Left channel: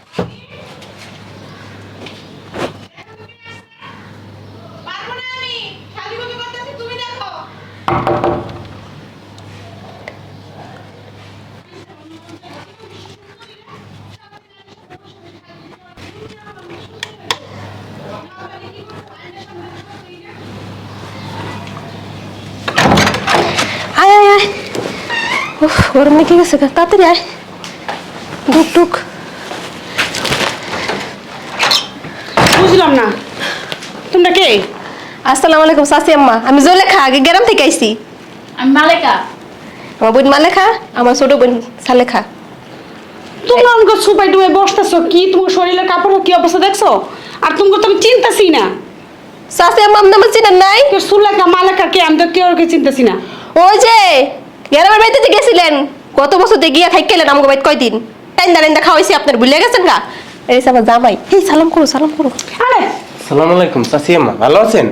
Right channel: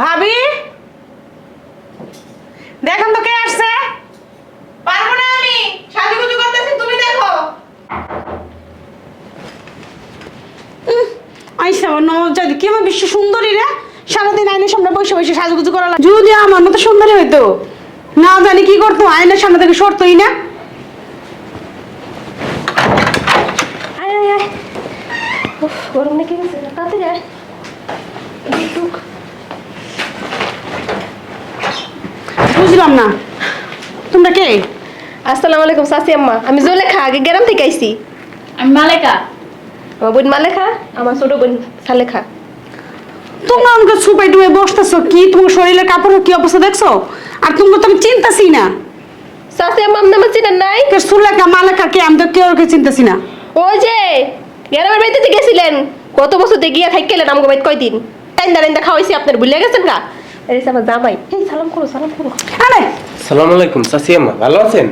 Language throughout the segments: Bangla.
ভাবি? দেখেন তো কে আসছে। পারব না আমি। সাজুগুজু করতেছি, তুমি দেখো। আইসা আমার কি আমার বিশ্ব সুন্দরী রে? সারাদিন আইনের সামনে বসে বসে সাজুগুজু করা লাগে। যদি আমার মতো সুন্দরী হইতো, না জানি কি করতো আইনের সামনে থেকে সরতোই না। আয় আয় আয়। গরম লেগে গেছে তাড়াতাড়ি আয়। টুক টুক বুঝলাম না। তোমরা কে? আসসালামু আলাইকুম সাসি আম্মা। আমি জলেখা আগে গ্রাম থেকে আইছি। আমি মালেকা আমার বোন মালেখা আমার ছোট বোন সালেখা। তোমরা আমাকে সুপাই টুয়ে বসতেছো কি? তোমার শরীরের কাপড় কি অবস্থা দেখছ? আর তুমি তো আমি চিন্তাছি না। সাসি আম্মা আমার চেনেন নাই? কে সুলেখা মালেকা কে? আমি তো কেউ ওকে চিন্তাছি না। ওই যে গ্রামের বাড়িতে গেছিলেন কত বছর গিয়া খাই খেলেন আমাকে বাড়িতে কয়দিন? টাইন্দা টাইন্দা খাওয়াইছি আপনার ভুলে গেছেন গা এই আমার জামাই এই সালাম করো সালাম করো। আরে। সালাম আলাইকুম সাসিয়াম্মা ভালো আছেন?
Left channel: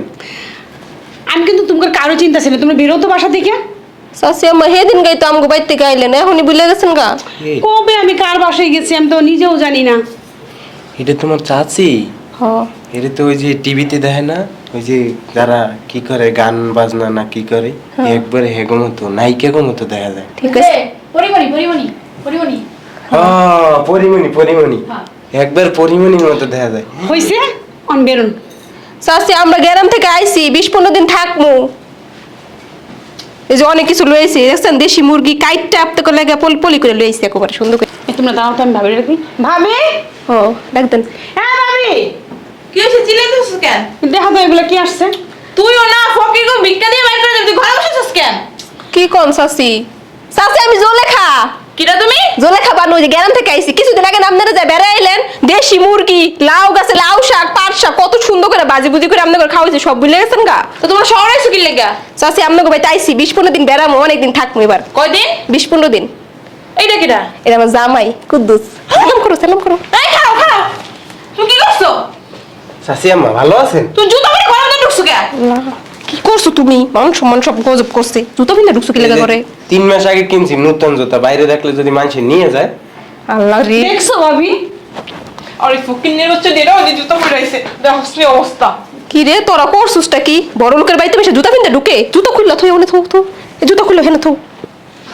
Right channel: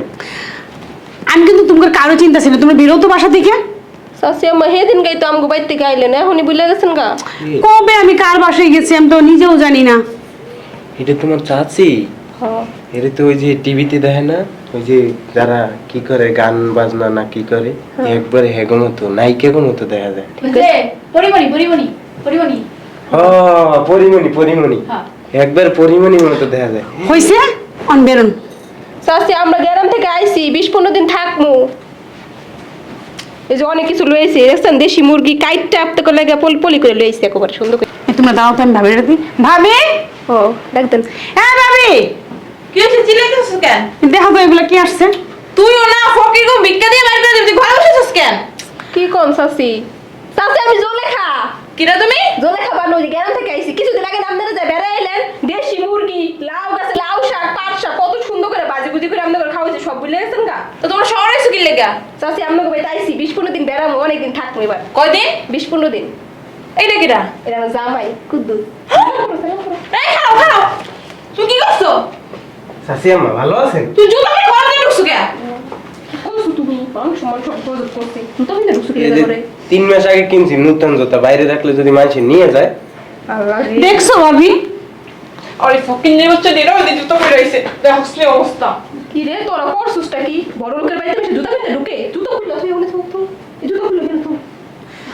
আমি কিন্তু তোমার কারও চিন্তা ছিল তুমি বেরোতো বাসা থেকে। সাসি আম্মা সেদিন গাই তো আমাকে বাড়িতে গাইলেন এখনই ভুলে গেছেন গা। কবে আমি কার বাসায় গেছি আমি তো নিজেও জানি না। এটা তোমার চাচি? হ্যাঁ। এটা তো ওই যে টিভিতে দেখে না? ওই যে যারা কি করে গান বাজনা না কি করে একবারে হেগো মতো নায়িকা মতো দেখা যায়। ঠিক আছে। পরিমণি পরিমণি পরিমণি। হ্যাঁ পরিমণি পরিমণি। হ্যাঁ। একবার পরিমণির মতো দেখা যায়। হয়েছে অন বেরোন। সাসি আমরা গ্রাম থেকে আইছি বিশ পনেরো দিন থাকব। এই যে অনেক কিছু লইছে দেখছেন? দেশি মুরগি কাইটটা আপতে করে লাগে পলি পলি করে লইছে একেবারে সুন্দর করে। এই তোমরা দাও তো আমি ভাবি রাখি। ভাবি? ও ডাকতেন হ্যাঁ ভাবি। কি হয়েছে চিল্লাইতেছিস কেন? দেখো তো এগুলো কি আসছে? তুইও না ফকির গো ভিক্ষা দিয়ে বাইর করে দিবি ঘরে বসেছিস কেন? কি কোন সাসি সাসি আমি জলেখা কিরা তুমি? জলেখা বানু যে গ্রাম থেকে আইছি। কিছুদিন আগে আপনারা যা বেড়ে আইলেন দেশি মুরগি লাউ গাছে লাউ শাক পাট শাক কত সুন্দর করে বাজি বুজি করে আপনাদের খাওয়াইছি সব ভুলে গেছেন গা? তো তোমার শহরে আইছো কি লেগা? সাসি আপনাকে বাড়িতে আইছি বিশ পনেরো দিন বেড়ামো অনেক দিন থাকব এবার। কয়দিন? বিশ পনেরো দিন। এইটা কিরা? এটা আমার জামাই কুদ্দুস। সালাম করো সালাম করো। এই খাও খাও। তুমি কি করছ? সাসিয়াম্মা ভালো আছেন? তুমি জুতা পরে ঘরে ঢুকছো কেন? কি করছ তুমি? মান সম্মান সব গজব করছে। জুতো পিনে ঢুকছো কি লাগা করে তিন মাস আগে কিনছি নতুন জুতা। বাইরে রাখলে যদি মানুষ নিয়ে যায়। আল্লাহ রে। দেখছ ভাবি? আরে ফকির নির্বাচন দিয়ে ওই জুতা পরে আইছে। দেখো কি অবস্থা। কি রে তোরা করছিসটা কি? বড় লোকের বাড়িতে বসে জুতা পিনতে ঢুকে? জুতো খুললো থই ওনে থো থো এই জুতো খুললো হেনে থো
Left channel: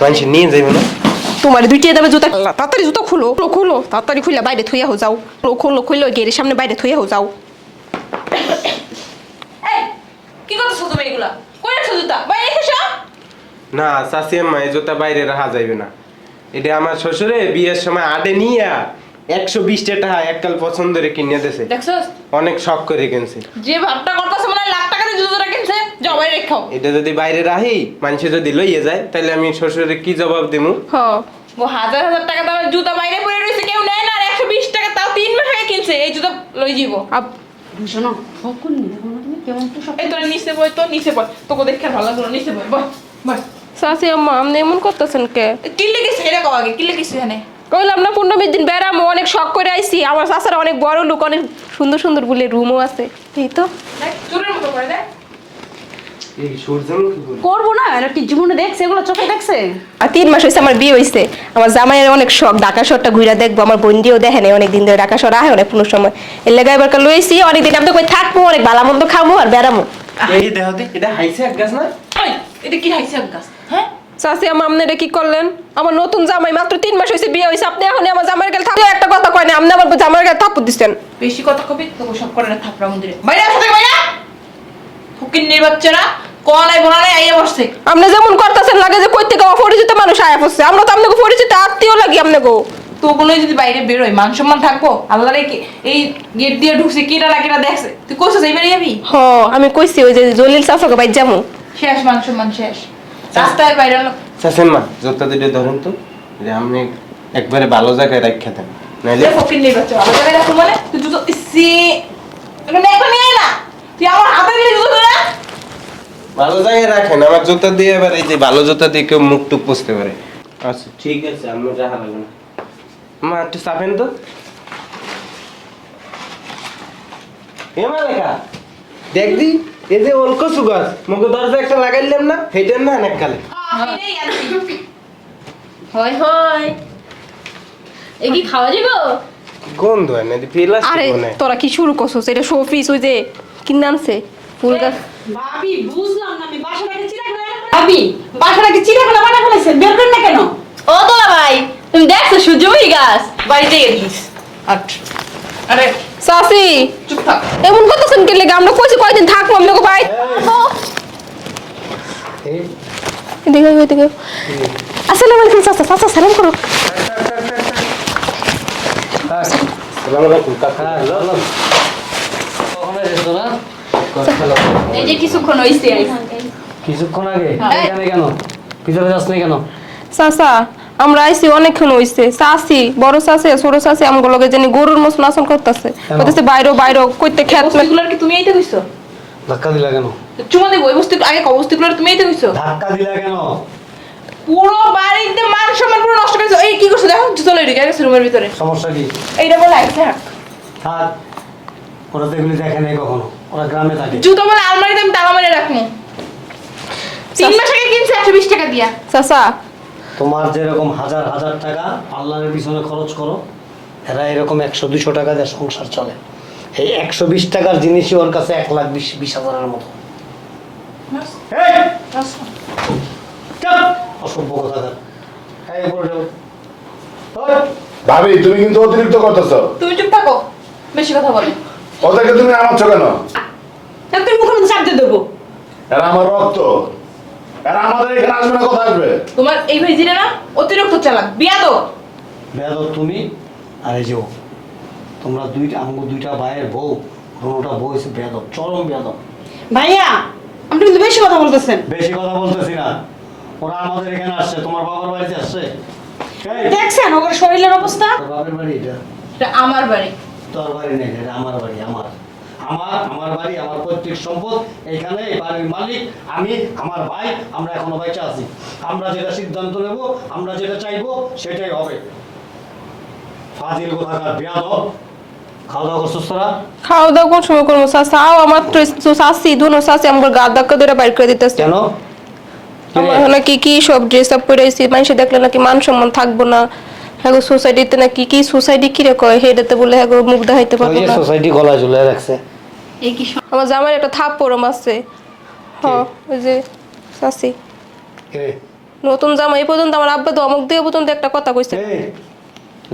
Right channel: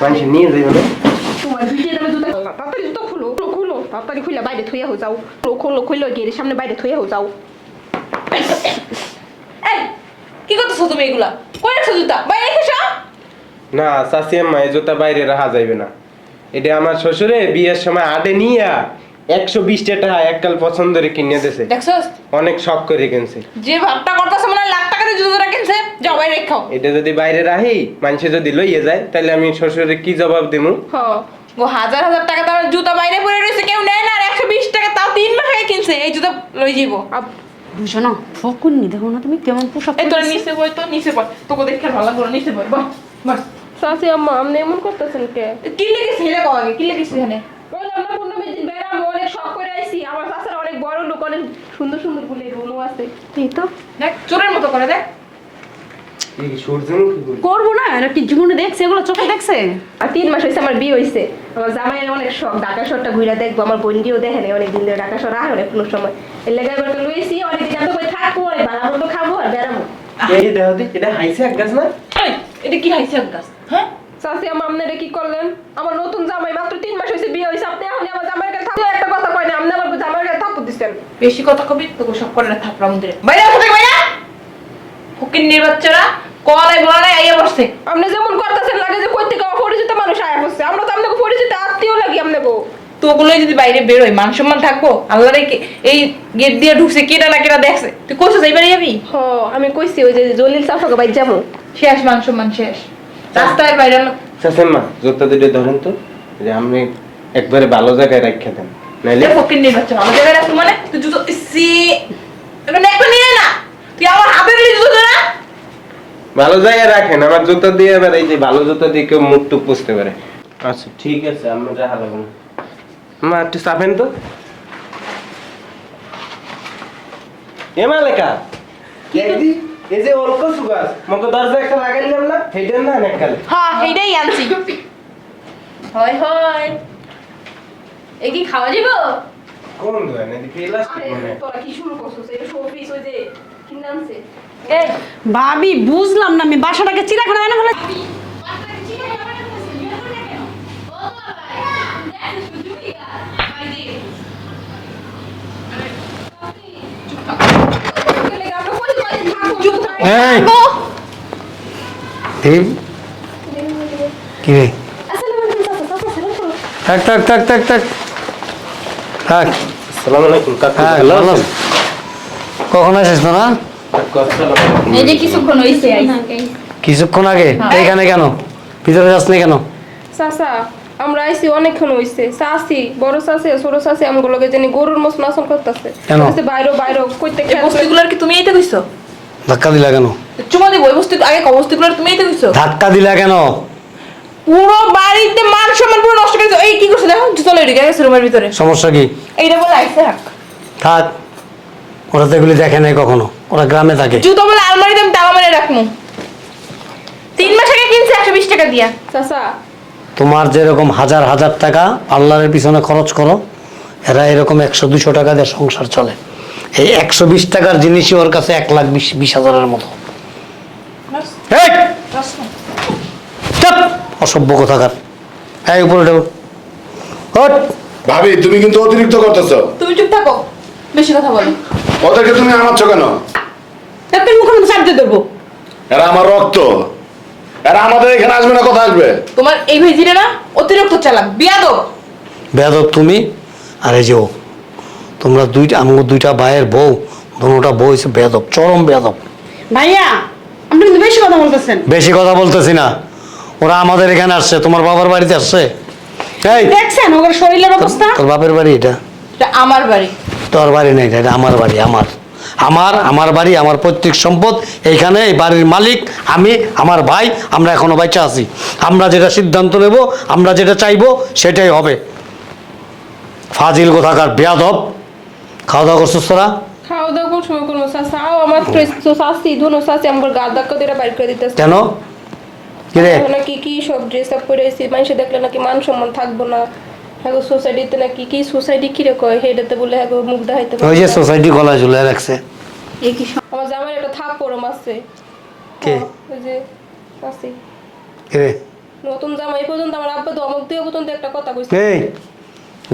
মানুষ নিয়ে যাবে না। তোমার দুইটা দেবে জুতা। তাড়াতাড়ি জুতো খুলো। খুলো, খুলো। তাড়াতাড়ি খুলে বাইরে থুইয়া হো যাও। খুলো খুলো খুলো গেরের সামনে বাইরে থুইয়া হো যাও। কি করতেছো তুমি এগুলা? কই রাখছো জুতা? বাইরে এসো না সাসিয়াম্মা এই জুতা বাইরে রাখা যাইবে না। এটা আমার শ্বশুরে বিয়ের সময় আডে নিয়ে একশো বিশটা টাকা এককাল পছন্দ করে কিনে দিয়েছে অনেক শখ করে কিনছে। যে ভাবটা করতেছে মনে লাখ টাকা দিয়ে জুতোটা কিনছে বাইরে রেখো। এটা যদি বাইরে রাহি মানুষে যদি লইয়ে যায় তাহলে আমি শ্বশুরে কি জবাব দেবো হ্যাঁ ও হাজার হাজার টাকা দামের জুতা বাইরে পরে রয়েছে কেউ নেয় না আর একশো বিশ টাকা তাও তিন মাস আগে কিনছে এই জুতা লই যাব না ফকুন নি দেখো না তুমি কেমন পোশাক এই তোর নিচে বই তো নিচে বই তোকে দেখতে আর ভালো লাগল নিচে বই বই বই সাসি আম্মা আপনি এমন করতেছেন কে? কি এটা কও আগে কি লেগেছে এখানে? কইলাম না পনেরো বিশ দিন বেড়ামো অনেক শখ করে আইছি। আমার শাশুড়ি অনেক বড় লোক অনেক সুন্দর সুন্দর বলে রুমও আছে। এই তো। দেখ চোরের মতো করে দেখ। করব না এটা কি জীবনে দেখছে? এগুলো চোখে দেখছে? আর তিন মাস হয়েছে আমার বিয়ে হয়েছে আমার জামাইয়ের অনেক শখ ঢাকা শহরটা ঘুরে দেখব। আমার বন্ডিও দেখে নেই অনেক দিন ধরে ঢাকা শহর আহে অনেক পুরো সময়। এর লেগে এবার লইছি অনেক দিন আমি তো থাকব অনেক ভালো মন্দ খাব আর বেড়ামো। এই দেহ এটা হাইছে এক গাছ না? এটা কি হাইছে গাছ? হ্যাঁ? চাষি আমার আপনি এটা কি করলেন? আমার নতুন জামাই মাত্র তিন মাস হয়েছে বিয়ে হয়েছে আপনি এখন আমার জামাইয়ের গেলে থাকলে একটা কথা কয় না আপনি আমার জামাইয়ের গেলে থাপ্পড় দিচ্ছেন বেশি কথা কবি তোকে সব করে না মন্দিরে। বাইরে নির্বাচনা কলাই আইয়া বসছে। আপনি যেমন করতেছেন লাগে যে কই থেকে অপরিচিত মানুষ আয়া পড়ছে। আমরা তো আপনাকে পরিচিত আত্মীয় লাগি আপনাকে তো ওগুলো যদি বাইরে বেরোয় মান সম্মান থাকব? আল্লাহ রে এই গেট দিয়ে ঢুকছে কেটা না কেটা দেখছে। তুই কোথায় যাইবার যাবি হ আমি কইছি ওই যে জলিল যাব। শেষ মান সম্মান শেষ। রাস্তায় বাইরে না সাসেম্মা জুতা দুটো ধরেন তো যে আপনি একবারে ভালো জায়গায় রাখা দেন। নাইলে ফকির নির্বাচন ভালো জায়গায় রাখো মানে? তুই জুতো সি এটা একটা নিয়ে না। তুই আমার হাতে দিলে ভালো জায়গায় রাখেন আমার জুতা দিয়ে এবার এই যে ভালো জুতা দিয়ে কেউ মুখ টুক পুষতে পারে। আচ্ছা ঠিক আছে আমরা রাখা দেবেন মা একটু চাপেন তো। এমা লেখা দেখবি? এই যে ওলকো সুগার মুখে দরজা একটা লাগাইলাম না না অনেক কালে। হ্যাঁ আনছি। হয় হয়। এ কি খাওয়া ফিলাস আরে তোরা কি শুরু করছস? এটা শোপিস ওই যে কিনে আনছে। ফুলটা ভাবি বুঝলাম না আমি বাসাটাকে চিড়াখানা বানা ফেলে ভাবি বাসাটাকে চিড়াখানা বানা ফেলেছে বের করেন না কেন? ও তোলা ভাই তুমি দেখছ সূর্যমুখী গাছ? বাড়িতে গেছিস আট। আরে সাসি চুপ থাক। এমন করতেছেন কি লাগে? আমরা কইছি কয়দিন থাকব আপনাকে ভাই। থাকব। এই এদিকে আয়, এদিকে। কি? আসসালামু আলাইকুম চাচা চাচা সালাম করো। টাক টাক টাক টাক টাক হ্যাঁ সালাম আলাইকুম কাকু হ্যাঁ? কখন আসিস তোরা এই যে কিছুক্ষণ হইছে কিছুক্ষণ আগে? এইখানে কেন? ভিতরে যাস কেন? চাচা আমরা আইছি অনেকক্ষণ হইছে। বড় ছোট আমগুলোকে জানি গরুর মতো নাচন করতেছে। কেন? বলতেছে বাইরে বাইরে কইতে খেত কি তুমি এইতে কইছো ধাক্কা দিলা কেন? চুমা দিব বস্তু আগে তুমি এইতে কইছো ধাক্কা দিলা কেন? পুরো বাড়িতে মান সম্মান পুরো নষ্ট করে এই কি করছ দেখো চলে ঢুকে গেছে রুমের ভিতরে। সমস্যা কি? এইটা বলে আইছে। থাক থাক। ওরা তো এগুলি দেখে নাই কখনো। ওরা গ্রামে থাকে। জুতো বলে আলমারিতে আমি তালা মারে রাখমু তিন মাস আগে কিনছে একশো বিশ টাকা দিয়া? চাচা। তোমার যেরকম হাজার হাজার টাকা আল্লাহরের পিছনে খরচ করো এরা এরকম একশো দুশো টাকা দিয়ে সংসার চলে। এই একশো বিশ টাকার জিনিসই ওর কাছে এক লাখ বিশ বিশ হাজারের মতো। এই! চাপ! অসভ্য কোথাকার। এই উপরে! ভাবি তুমি কিন্তু অতিরিক্ত করতেছো। তুমি চুপ থাকো। বেশি কথা বলো। ওদেরকে তুমি আমাচ্ছ কেন? তোর মুখের মধ্যে চাপতে দেবো। এরা আমার রক্ত। এরা আমাদের এখানে আসবে না কথা আসবে? তোমার এই ভেজিটা না অতিরিক্ত চালাক বিয়া তো তুমি? আর এই যে ও তোমরা দুইটা আমার দুইটা ভাইয়ের বউ দুটা বউ হচ্ছে বেয়াদব চরম বেয়াদব। ভাইয়া আপনি কিন্তু বেশি কথা বলতেছেন। বেশি কথা বলতেছি না। ওরা আমাদের এখানে আসছে তোমার বাবার বাড়িতে আসছে? এই! দেখছেন ওর শরীরের অবস্থা? তোর বাপের বাড়ি এটা? এটা আমার বাড়ি। তোর বাড়ি নেই এটা আমার বাড়ি আমার। আমার আমার বাড়ি আমার পৈতৃক সম্পদ এইখানে এই বাড়ির মালিক আমি আমার ভাই আমরা এখনও বাইচা আছি। আমরা যেটা সিদ্ধান্ত নেব আমরা যেটা চাইব সেটাই হবে। ফাজিল কোথাকার বেয়াদব। খাওয়া দাওয়া করছিস তোরা? খাওয়া দাওয়া কোন সময় করব চাচা আও আমার তো দুনো আমার গা ধাক্কা ধরে বাইর করে দিতেছে। কেন? নাকি কি সব ড্রেস আপ করে মানুষ দেখলে নাকি মান সম্মান থাকব না। হ্যাঁ সোসাইটিতে নাকি কি সোসাইটি কি রে কয় হেডেতে বলে হ্যাঁ মুখ দেখাইতে ওই যে সোসাইটি গলায় ঝুলে রাখছে। আমার জামাই একটা থাপ পরম আছে। হ্যাঁ, ওই যে কি রে? নতুন জামাই পর্যন্ত আমার আব্বা তো অমুক দিয়ে পর্যন্ত একটা কথা কইছে। এই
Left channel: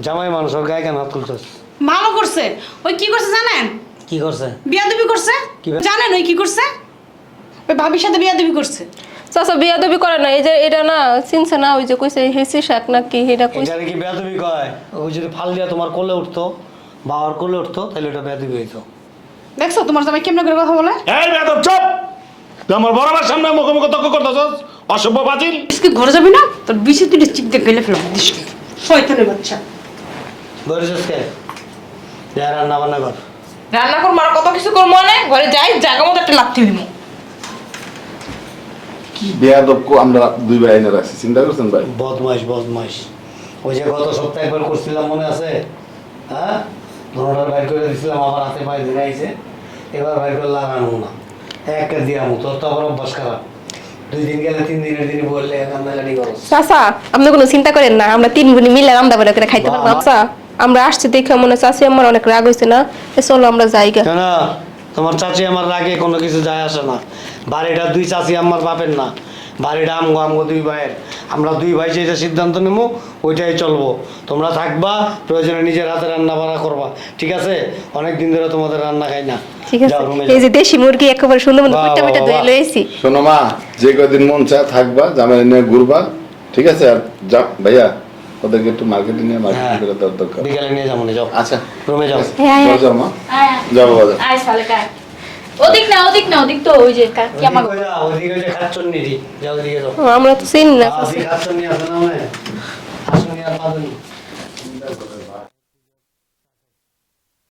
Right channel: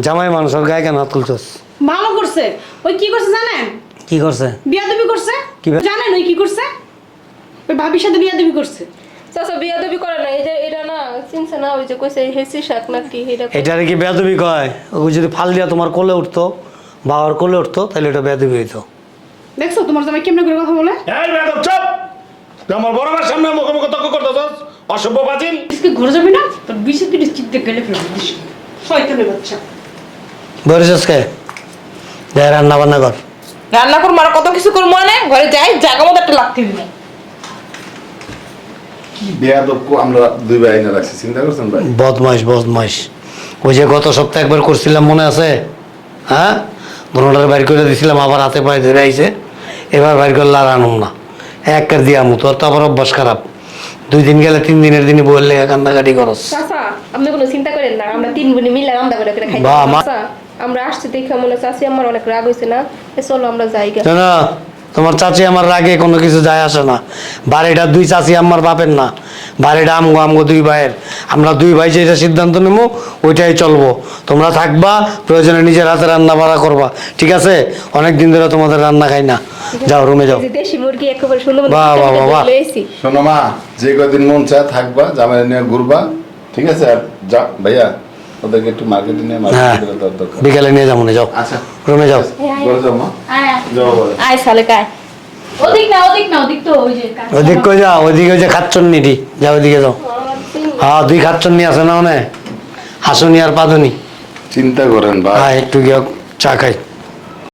জামাই মানুষের গায়ে কেন তুলছস? ভালো করছে। ওই কি করছে জানেন? কি করছে? বিয়াদবি করছে। জানেন ওই কি করছে? ওই ভাবির সাথে বিয়াদবি করছে। চাচা বিয়া দাবি করে না এই যে এটা না চিনছে না ওই যে কইছে হেসি শাক এটা এটারে কি বেয়াদবি কয়? ওই যদি ফাল দিয়া তোমার কোলে উঠতো বাবার কোলে উঠতো তাহলে ওটা বেয়াদবি হইতো। দেখছ তোমার জামাই কেমন করে কথা বলে? এই বেদব চুপ! তুই আমার বড় ভাইয়ের সামনে মুখে মুখে তর্ক করতেছস অসভ্য আজকে ঘরে যাবে না? তোর বিশে তুই চিপ দিয়ে ফেলে ফেলাম শয়তানের বাচ্চা। বরিস কে যাই রান্না বান্না কর। রান্না করব আর কত কিছু করব মানে? ঘরে যাই জায়গা মতো একটা লাথি দিব। কি বেয়াদব আমরা দুই ভাই এনে রাখছি চিন্তা করছেন ভাই? বদমাইশ বদমাইশ। ওই যে গত সপ্তাহে একবার করছিলাম মনে আছে? হ্যাঁ? ধরনের বাইর করে দিছিলাম আবার হাতে পায়ে ধরে আইছে। এবার বাইর করলে আর আনব না। এক দিয়ামু তোর তো আবার অভ্যাস খারাপ। দুই দিন গেলে তিন দিনের দিনই বললে কান্নাকাটি করস। চাচা আপনি কোনো চিন্তা করেন না আমরা তিন বোনি মিলে রান্না বান্না করে খাইতে আমরা আসছি দেখে মনে চাচি আমার অনেক রাগ হয়েছে না। চলো আমরা যাই না তোমার চাচি আমার রাগে কোনো কিছু যায় আসে না। বাড়িটা দুই চাচি আমার বাপের না। বাড়িটা আমগো আমগো দুই ভাইয়ের। আমরা দুই ভাই যেটা সিদ্ধান্ত নেব ওইটাই চলবো। তোমরা থাকবা প্রয়োজনে নিজের হাতে রান্না বাড়া করবা। ঠিক আছে? অনেক দিন ধরে তোমাদের রান্না খাই না। যাও রুমে যাও। এই যে দেশি মুরগি একেবারে সুন্দর মতো পিঠা ধুয়ে লইছি। শোনো মা যে কদিন মন চায় থাকবা জামাই নিয়ে ঘুরবা। ঠিক আছে? আর যাও ভাইয়া। ওদেরকে একটু মার্কেটে নিয়ে হ্যাঁ। মার্কেটে দরকার। বিকালে নিয়ে যাব না যাও। আচ্ছা। রুমে যাও। যাও যাও মা। যাও বলো আয় সালে কায়। ওদিক না ওদিক না ওদিক তো ওই যে ওদিক কই যাও? ওইদিকে ওই যে খাচ্ছন নিটি যাও ওইদিকে যাও। আমরা তো চিনি না। হ্যাঁ দুই খাচ্ছন আছে না ওনে? হাসুনি আর পাদুনি। চিন্তা করেন ভাই। হ্যাঁ একটু গিয়ে চা খাই।